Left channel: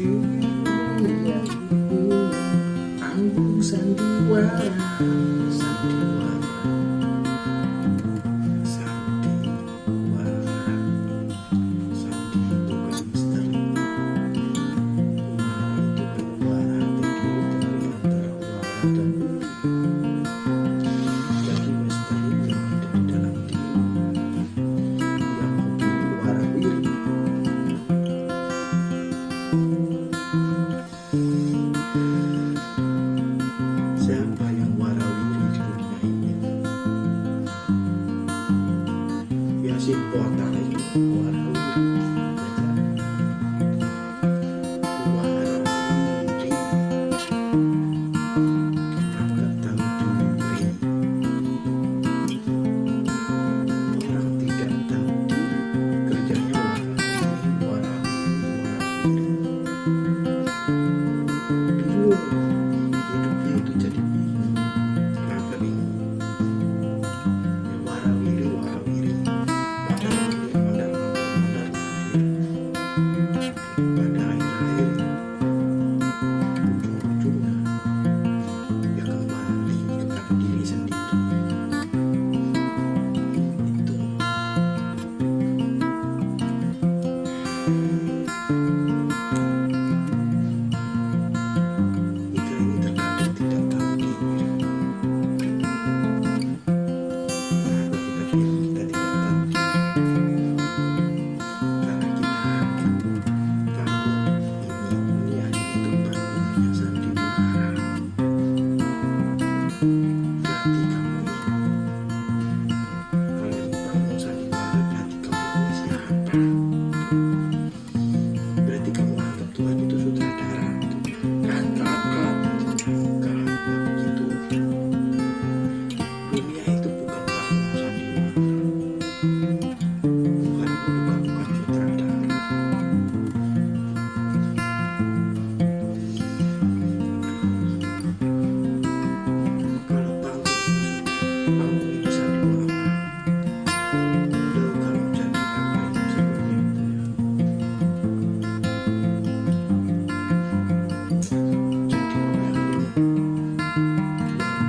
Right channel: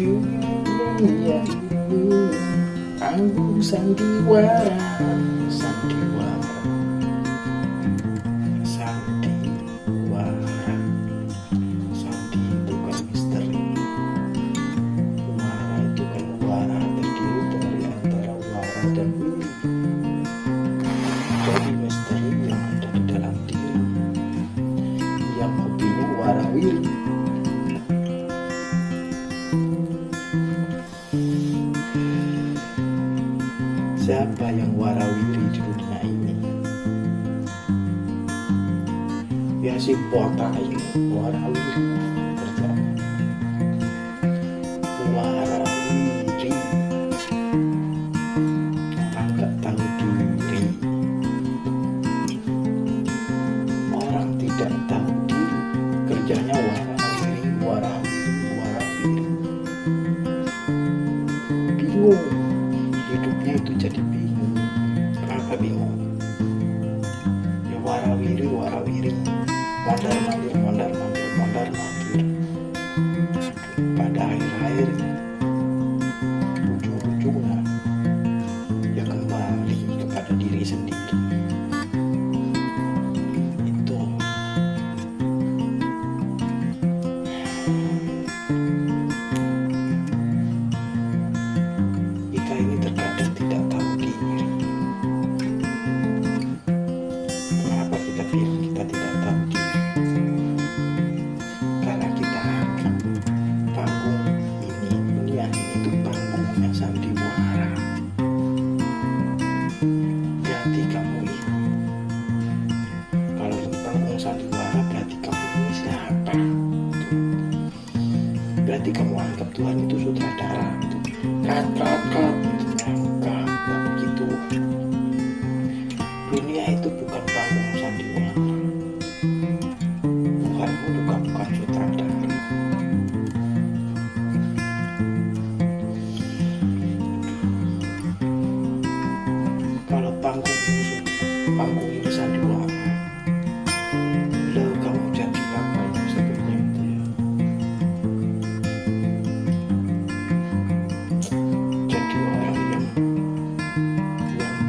Dunia ini panggung sandiwara, sandiwara, sandiwara. Sandi itu kan misteri, wara itu kan wara terdiri dari antara wara dan wiri. Jadi misteri yang ada di dalam diri, yang hobinya warawiri. Siapa yang warawiri di dunia ini? Ya si botak ini warawiri kerjaan. Warawiri, orang gak tahu diri. Orang tidak tahu diri, kerjanya warawiri, warawiri, warawiri. Bingung, hidupnya itu jadi bingung. Kenapa bingung? Ya warawiri, warawiri, mondar mandir, mondar mandir, mondar mandir. Pada akhir-akhirnya, ujung-ujungnya, ya kembali kepada diri sendiri. Itu kita ini terkadang tidak tahu diri. Kenapa kita bilang kita tidak tahu diri? Karena kita anggap panggung ini, dunia ini itu panggungnya sandiwara. Berarti kamu ini, kalau ini panggung sandiwara, berarti kamu ini siapa? Berarti kamu anggap Tuhan itu sutradara gitu. Cut. Enggak begitu. Dunia itu bukan panggung sandiwara. Tuhanmu juga bukan sutradara. Kalau panggung ini sandiwara, lo kamu jadi apa yang sebutnya itu ya? Jadi orang yang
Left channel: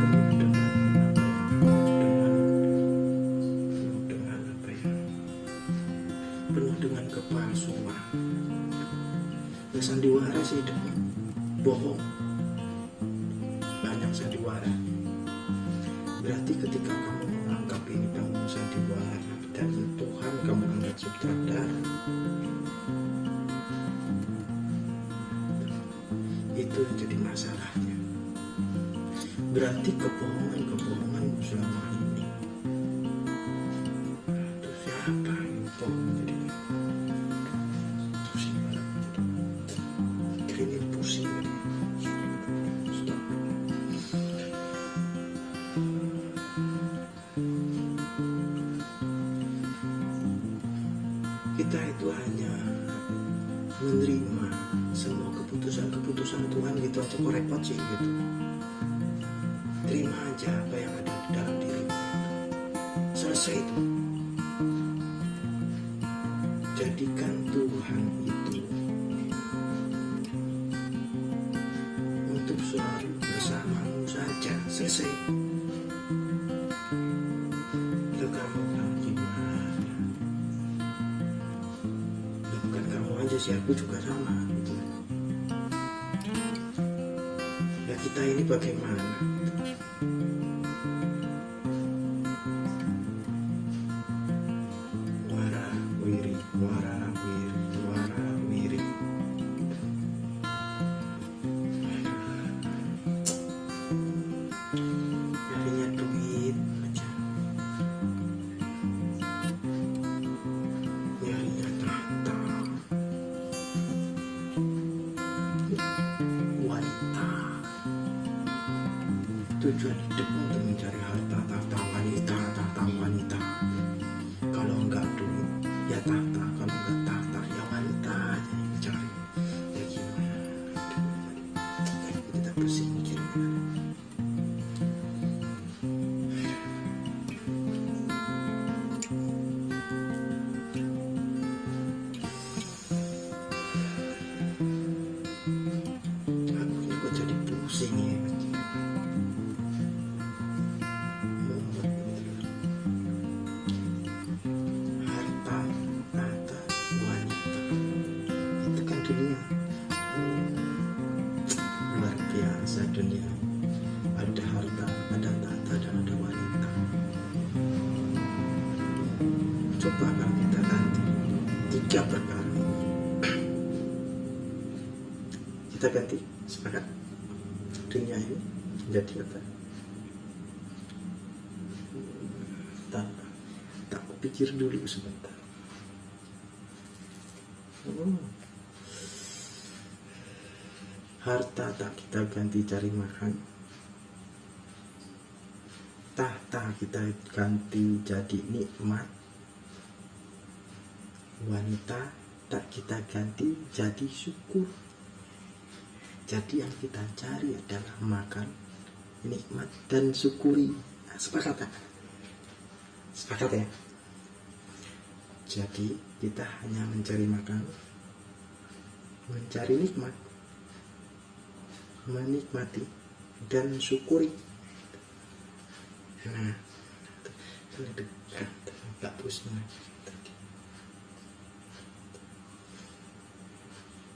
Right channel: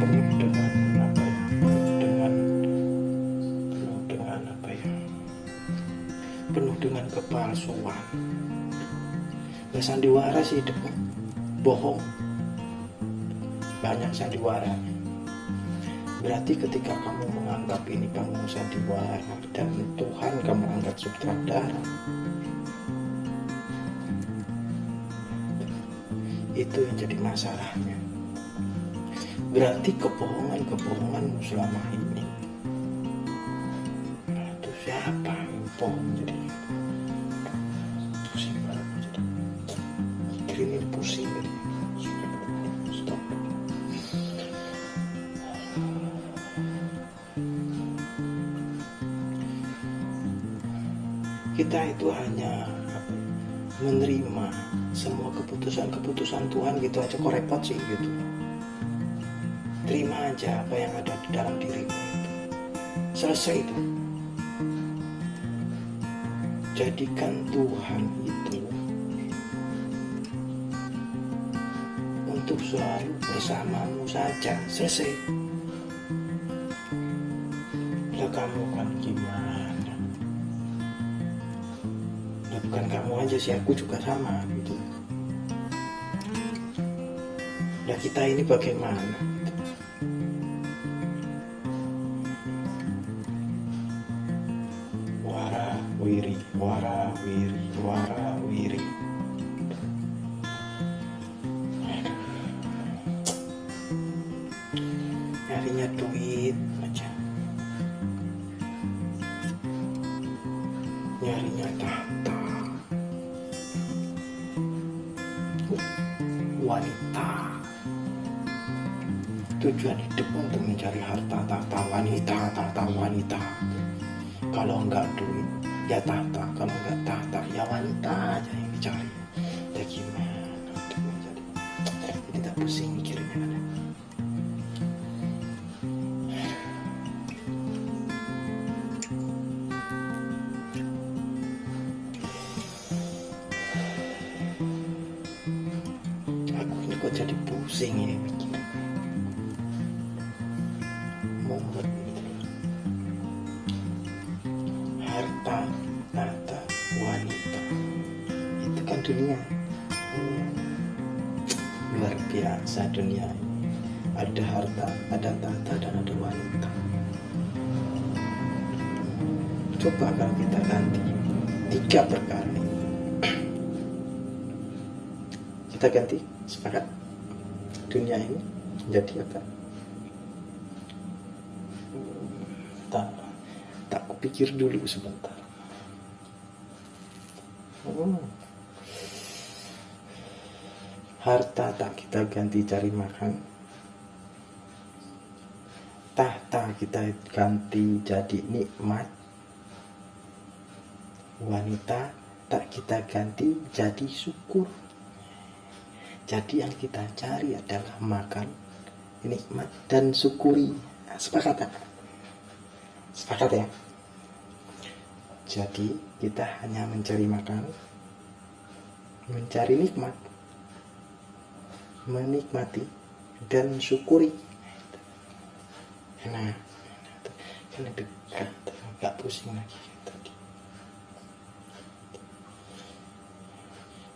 penuh dengan apa ya? Penuh dengan kepalsuan. Gak sandiwara sih hidupmu, bohong. Banyak sandiwara. Berarti ketika kamu menganggap ini panggung sandiwara dan Tuhan kamu anggap sutradara, itu yang jadi masalahnya. Berarti kebohonganmu selama ini, itu siapa yang bohong? Jadi pusing banget, jadi mikirin pusing jadi. Stop. Kita itu hanya menerima semua keputusan Tuhan gitu aja, kok repot sih gitu. Terima aja apa yang ada di dalam dirimu itu. Selesai itu. Jadikan Tuhan itu untuk selalu bersamamu saja. Selesai. Lah kamu kan gimana? Nah, bukan kamu aja sih, aku juga sama gitu. Nah kita ini bagaimana gitu. Warawiri, warawiri, warawiri. Aduh. Nyarinya duit aja, nyarinya tahta, wanita. Tujuan hidup untuk mencari harta, tahta, wanita. Kalau enggak duit ya tahta, kalau enggak tahta ya wanita aja yang dicari. Ya gimana jadi tidak pusing mikirnya kan. kok jadi pusing ya mikir mumet gitu loh. Harta, tahta, wanita itu kan dunia. Luar biasa dunia ini. Ada harta, ada tahta, dan ada wanita. Coba kalau kita ganti 3 perkara ini, kita ganti, sepakat dunia ini menjadi apa? Tak kupikir dulu sebentar. Harta tak kita ganti cari makan, tahta kita ganti jadi nikmat, wanita tak kita ganti jadi syukur. Jadi yang kita cari adalah makan, nikmat, dan syukuri. Sepakat tak? Sepakat ya? Jadi kita hanya mencari makan, mencari nikmat, menikmati, dan syukuri. Nah, kan dekat, gak pusing lagi tadi.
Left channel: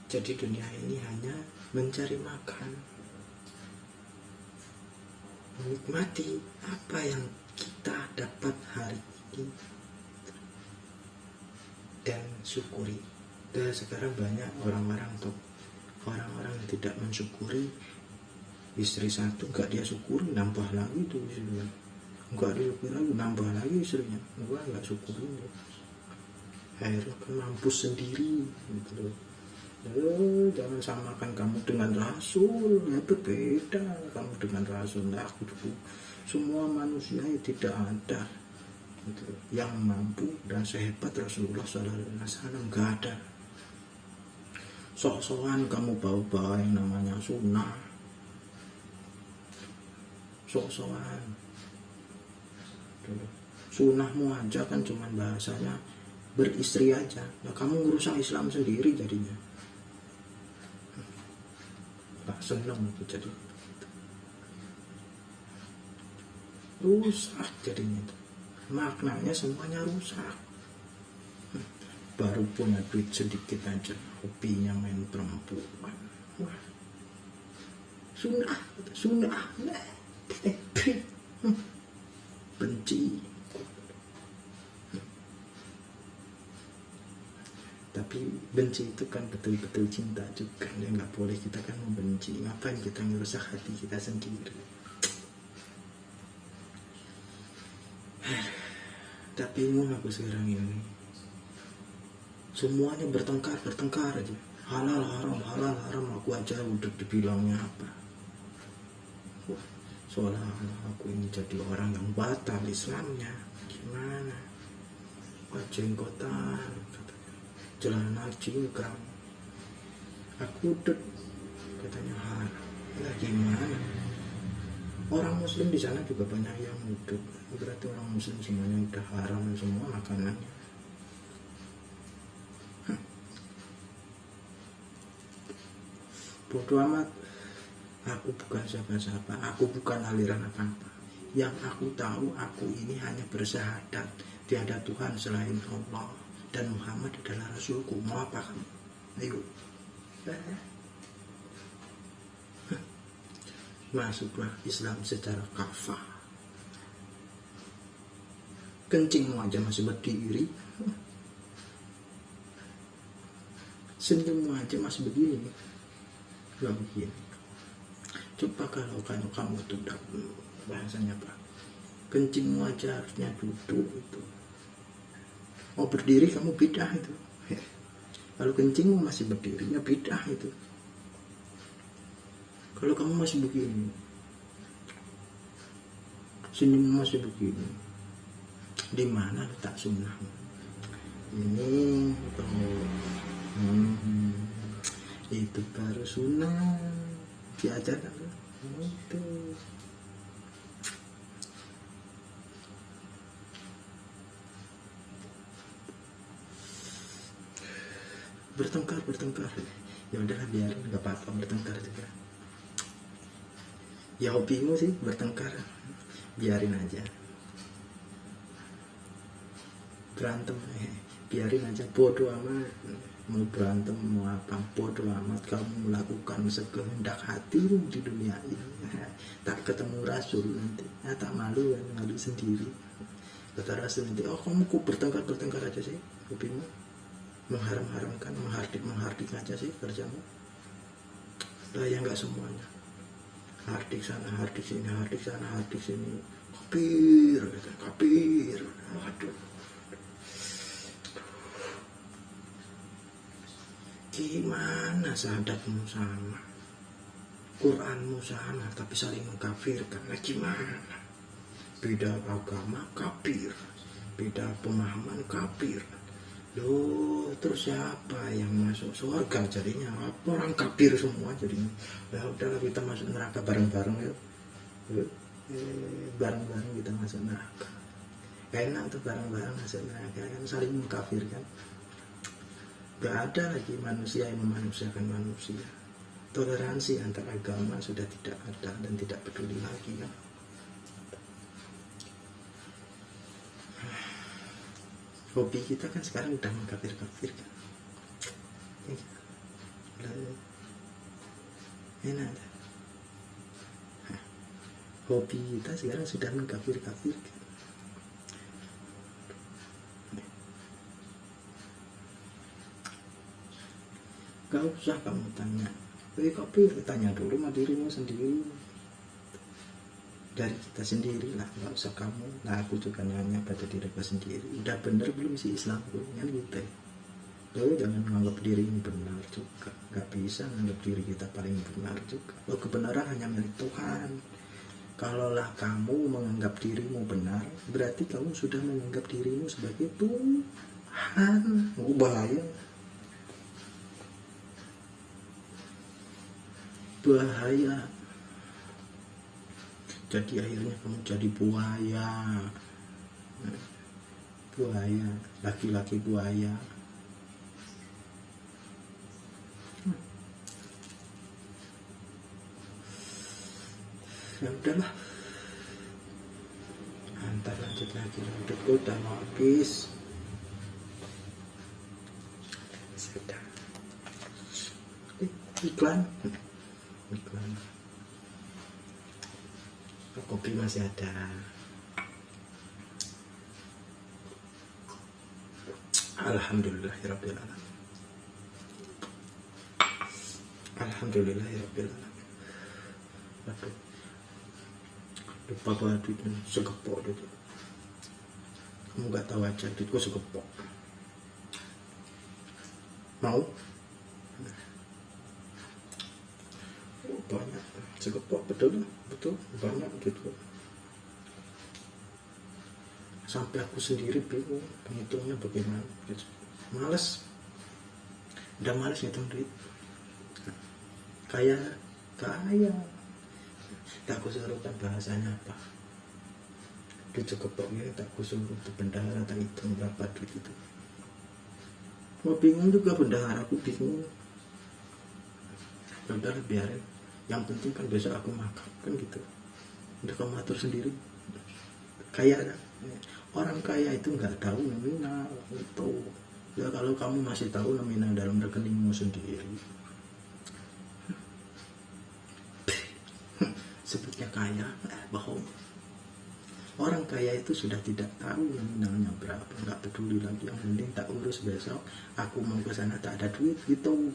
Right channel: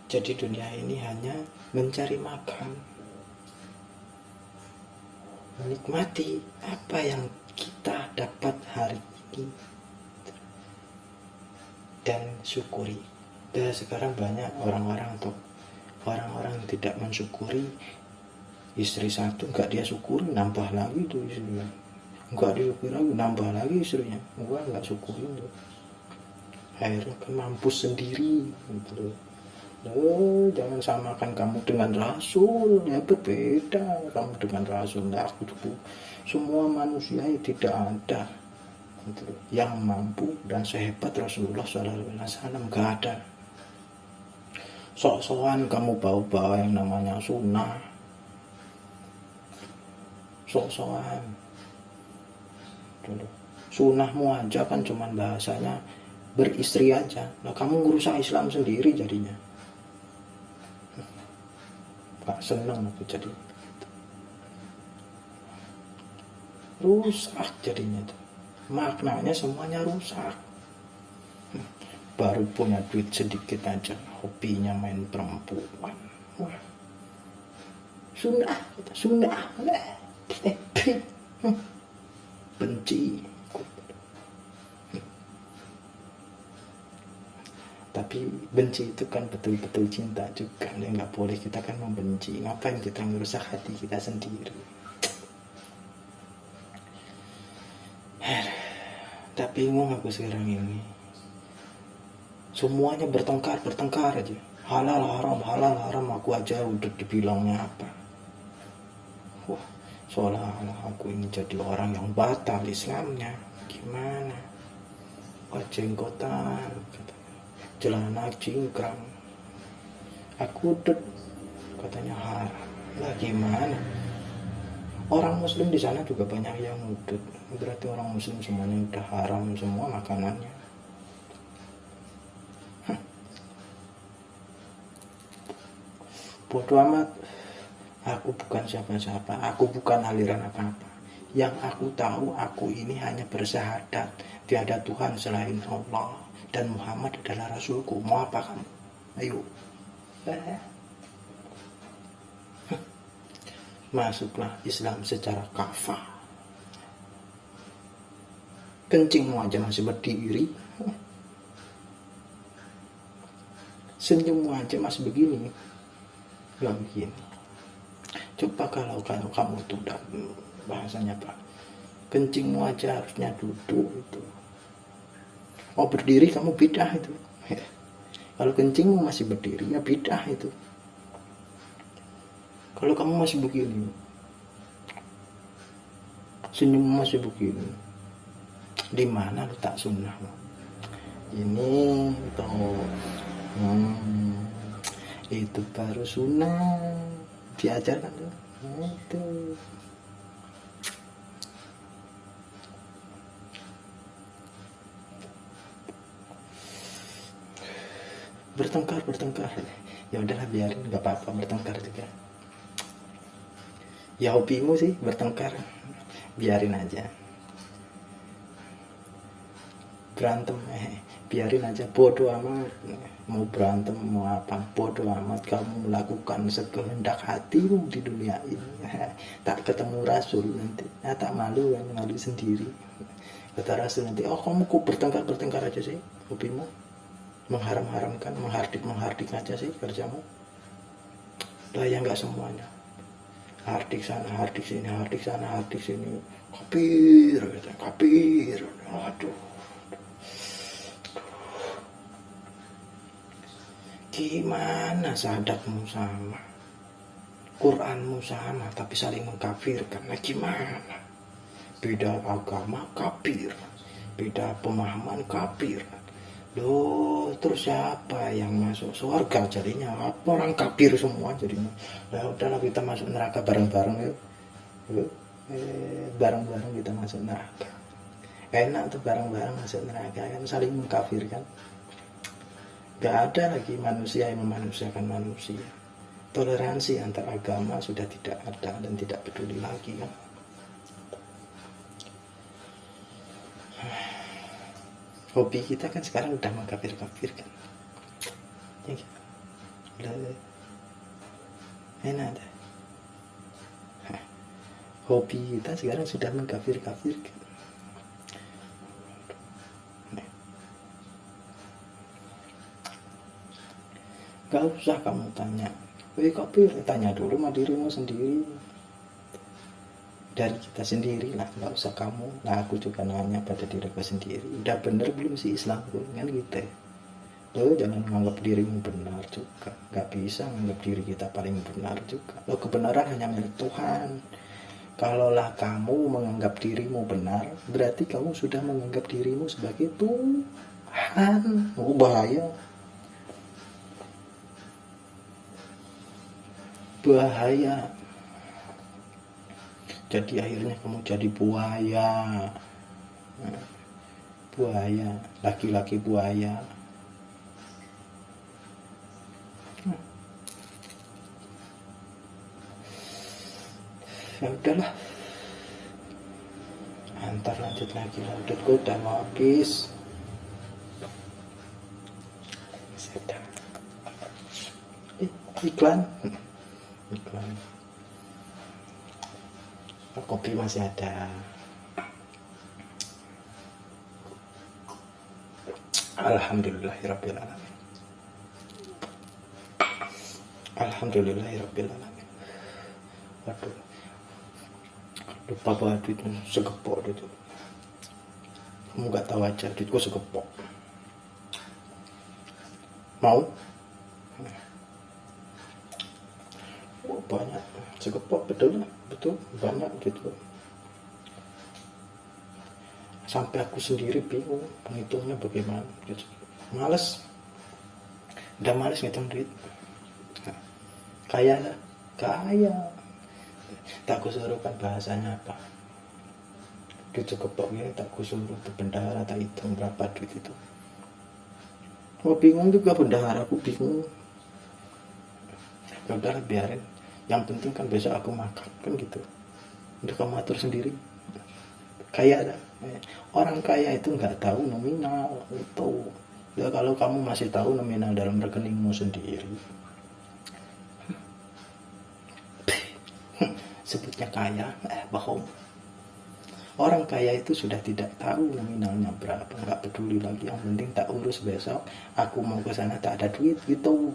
Jadi dunia ini hanya mencari makan, menikmati apa yang kita dapat hari ini, dan syukuri. Dan sekarang banyak orang-orang yang tidak mensyukuri. Istri satu nggak dia syukuri, nambah lagi tuh istrinya. Nggak disyukuri lagi, nambah lagi istrinya. Nggak syukuri tuh. Akhirnya kan mampus sendiri gitu loh. Jangan samakan kamu dengan Rasul, ya berbeda kamu dengan Rasul. Nah, semua manusia tidak ada gitu, yang mampu dan sehebat Rasulullah SAW, gak ada. Sok-sokan kamu bawa-bawa yang namanya sunnah, sok-sokan dulu. Sunnahmu aja kan cuman bahasanya beristri aja. Nah, kamu ngerusak Islam sendiri jadinya. Gak seneng aku jadi rusak jadinya tuh. Maknanya semuanya rusak. Baru punya duit sedikit aja, hobinya main perempuan. Wah, sunnah, benci. Tapi benci itu kan betul-betul cinta juga. Ya nggak boleh kita kan membenci. Ngapain kita merusak hati kita sendiri? Tak bingung aku sekarang ini. Semuanya bertengkar aja. Halal haram aku aja udah dibilangnya apa. Wah, seolah-olah aku ini jadi orang yang batal Islamnya. Gimana? Jenggotan, celana cingkrang, aku udut, katanya haram. Lah gimana? Orang muslim di sana juga banyak yang udut. Berarti orang muslim semuanya udah haram semua makanannya. Bodoh amat. Aku bukan siapa-siapa, aku bukan aliran apa-apa. Yang aku tahu, aku ini hanya bersyahadat tiada Tuhan selain Allah dan Muhammad adalah Rasulku. Mau apa kamu? Ayo. Masuklah Islam secara kafah. Kencingmu aja masih berdiri, senyummu aja masih begini, gak begini. Coba kalau kamu tuh bahasanya apa? Kencingmu aja harusnya duduk itu. Oh, berdiri kamu bidah itu. Kalau kencingmu masih berdiri ya bidah itu. Kalau kamu masih begini, senyum masih begini, di mana letak sunnah? Ini itu baru sunnah diajarkan tuh. Itu bertengkar ya udahlah, biarin, nggak apa-apa bertengkar juga. Ya hobimu sih bertengkar, biarin aja. Berantem, biarin aja, bodoh amat. Mau berantem mau apa, bodoh amat. Kamu melakukan sekehendak hatimu di dunia ini. Tak ketemu Rasul nanti, tak malu kan, malu sendiri. Kata Rasul nanti, oh kamu kok bertengkar aja sih hobimu, mengharam-haramkan, menghardik aja sih kerjamu. Lah ya nggak semuanya, hardik sana hardik sini, hardik sana hardik sini, kafir gitu, kafir. Waduh, gimana sahadatmu sama, Quranmu sama, tapi saling mengkafirkan? Nah gimana? Beda agama kafir, beda pemahaman kafir. Loh, terus siapa yang masuk surga jadinya? Orang kafir semua jadinya. Lah udahlah kita masuk neraka bareng-bareng yuk. Yuk. Bareng-bareng kita masuk neraka. Enak tuh bareng-bareng masuk neraka kan, saling mengkafirkan. Gak ada lagi manusia yang memanusiakan manusia. Toleransi antar agama sudah tidak ada dan tidak peduli lagi kan. Hobi kita kan sekarang udah mengkafir-kafirkan. Ya gitu. Udah enak deh. Hobi kita sekarang sudah mengkafir-kafirkan. Gak usah kamu tanya, kafir, tanya dulu sama dirimu sendiri. Dari kita sendiri lah, nggak usah kamu. Nah aku juga nanya pada diriku sendiri, udah bener belum sih Islamku kan gitu ya. Lo jangan menganggap dirimu benar juga, nggak bisa menganggap diri kita paling benar juga. Lo kebenaran hanya milik Tuhan. Kalaulah kamu menganggap dirimu benar, berarti kamu sudah menganggap dirimu sebagai Tuhan. Oh bahaya, bahaya. Jadi akhirnya kamu jadi buaya, buaya, laki-laki buaya. Ya udahlah, antar lanjut lagi. Udah gue udah mau habis. Sudah. Iklan. Kopi masih ada. Alhamdulillahirrabbilalamin. Alhamdulillahirrabbilalamin. Waduh, lupa bawa duitnya, segepok itu. Kamu gak tahu aja, duitku segepok. Mau? Oh, banyak, segepok, betul banyak gitu. Sampai aku sendiri bingung menghitungnya bagaimana gitu. Males, udah males ngitung duit. Kaya tak kusuruhkan bahasanya apa, duit segepok ini tak kusuruh ke bendahara, tak hitung berapa duit itu. Oh bingung juga bendahara, aku bingung. Ya udahlah biarin, yang penting kan besok aku makan kan gitu. Udah kamu atur sendiri. Kaya, orang kaya itu nggak tahu nominal itu. Ya kalau kamu masih tahu nominal dalam rekeningmu sendiri, sebutnya kaya, bohong. Orang kaya itu sudah tidak tahu nominalnya berapa, nggak peduli lagi. Yang penting tak urus besok. Aku mau ke sana tak ada duit gitu.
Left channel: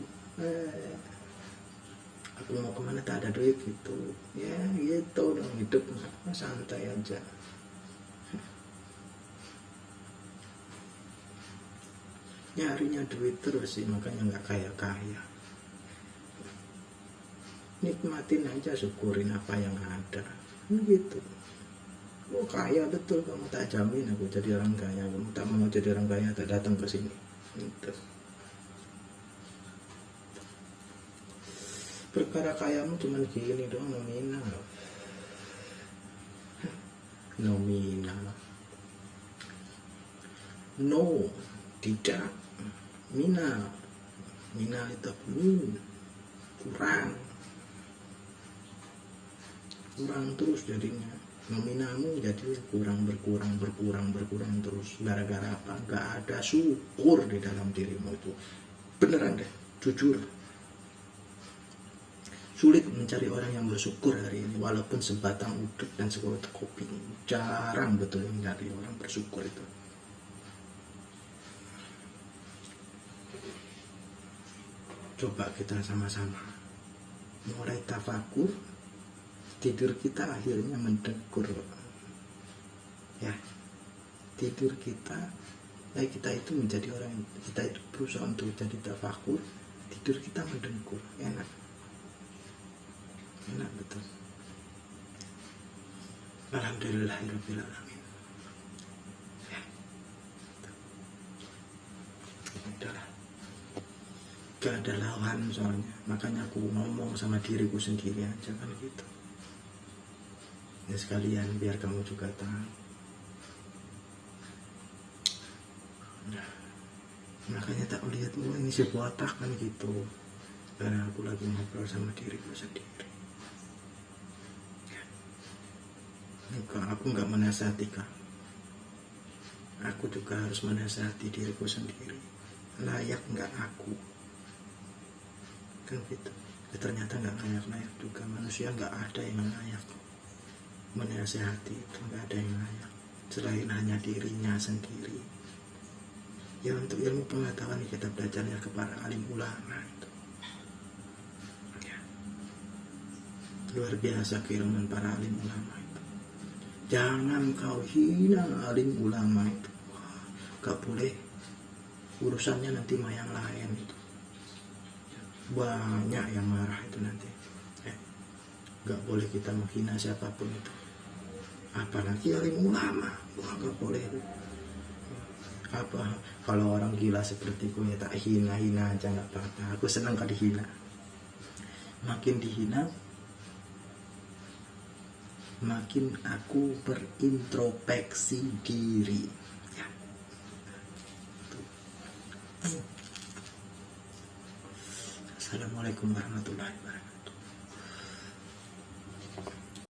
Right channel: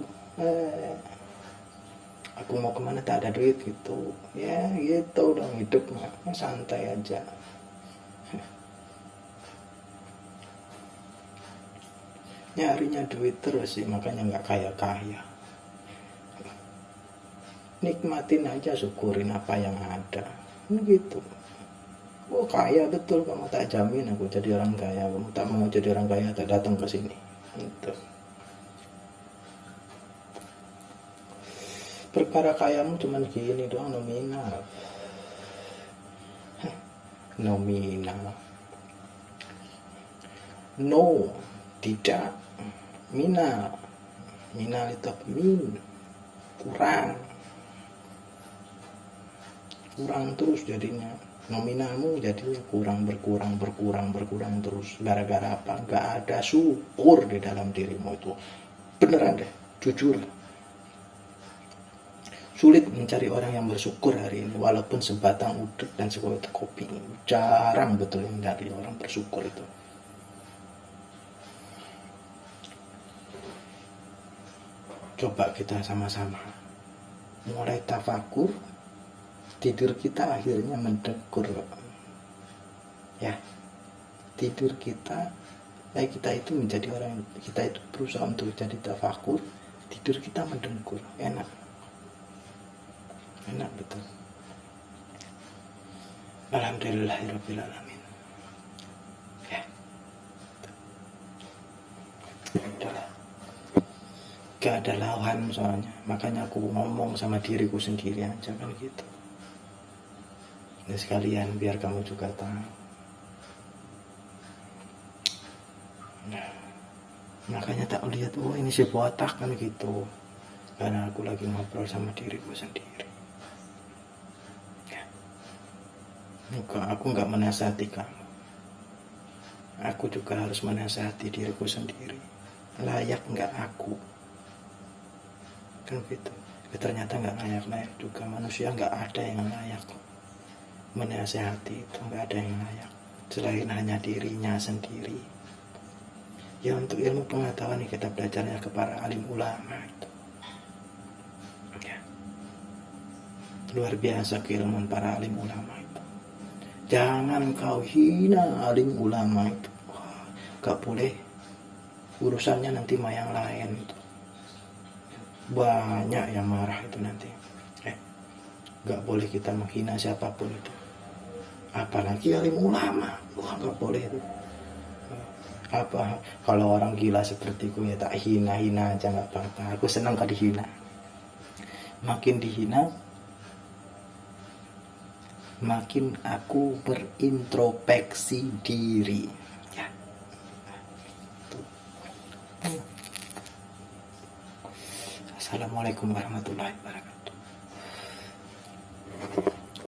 Aku mau kemana tak ada duit gitu. Ya gitu dong hidup mah, santai aja. Nyarinya duit terus sih, makanya nggak kaya-kaya. Nikmatin aja, syukurin apa yang ada gitu. Oh kaya betul kamu, tak jamin aku jadi orang kaya. Kamu tak mau jadi orang kaya, tak datang ke sini gitu. Perkara kayamu cuman gini doang, nominal. Nominal. No, tidak. Minal. Minal itu apa? Min. Kurang. kurang terus jadinya, nominalmu jadi berkurang terus. Gara-gara apa? Nggak ada syukur di dalam dirimu itu. Beneran deh, jujur. Sulit mencari orang yang bersyukur hari ini, walaupun sebatang uduk dan sekotak kopi. Jarang betul yang mencari orang bersyukur itu. Coba kita sama-sama mulai tafakur, tidur kita akhirnya mendekur. Ya, tidur kita, kita itu menjadi orang, kita itu berusaha untuk jadi tafakur, tidur kita mendengkur, enak betul. Alhamdulillahirrabbilalamin. Ya, udahlah, gak ada lawan soalnya, makanya aku ngomong sama diriku sendiri aja kan gitu. Ya sekalian biar kamu juga tahu. Nah, makanya tak lihat, oh ini si botak kan gitu, karena aku lagi ngobrol sama diriku sendiri. Aku nggak menasihati kamu, aku juga harus menasihati diriku sendiri. Layak nggak aku? Kan gitu. Ternyata nggak layak juga. Manusia nggak ada yang layak. Menasihati itu nggak ada yang layak selain hanya dirinya sendiri. Ya untuk ilmu pengetahuan kita belajarnya kepada alim ulama itu. Ya. Luar biasa keilmuan para alim ulama itu. Jangan kau hina alim ulama itu. Gak boleh. Urusannya nanti mah yang lain itu. Banyak yang marah itu nanti. Gak boleh kita menghina siapapun itu. Apalagi alim ulama. Wah, gak boleh itu. Apa kalau orang gila sepertiku ya tak hina-hina aja gak apa-apa. Aku senang kalau dihina. Makin dihina, makin aku berintrospeksi diri. Ya. Assalamualaikum warahmatullahi wabarakatuh.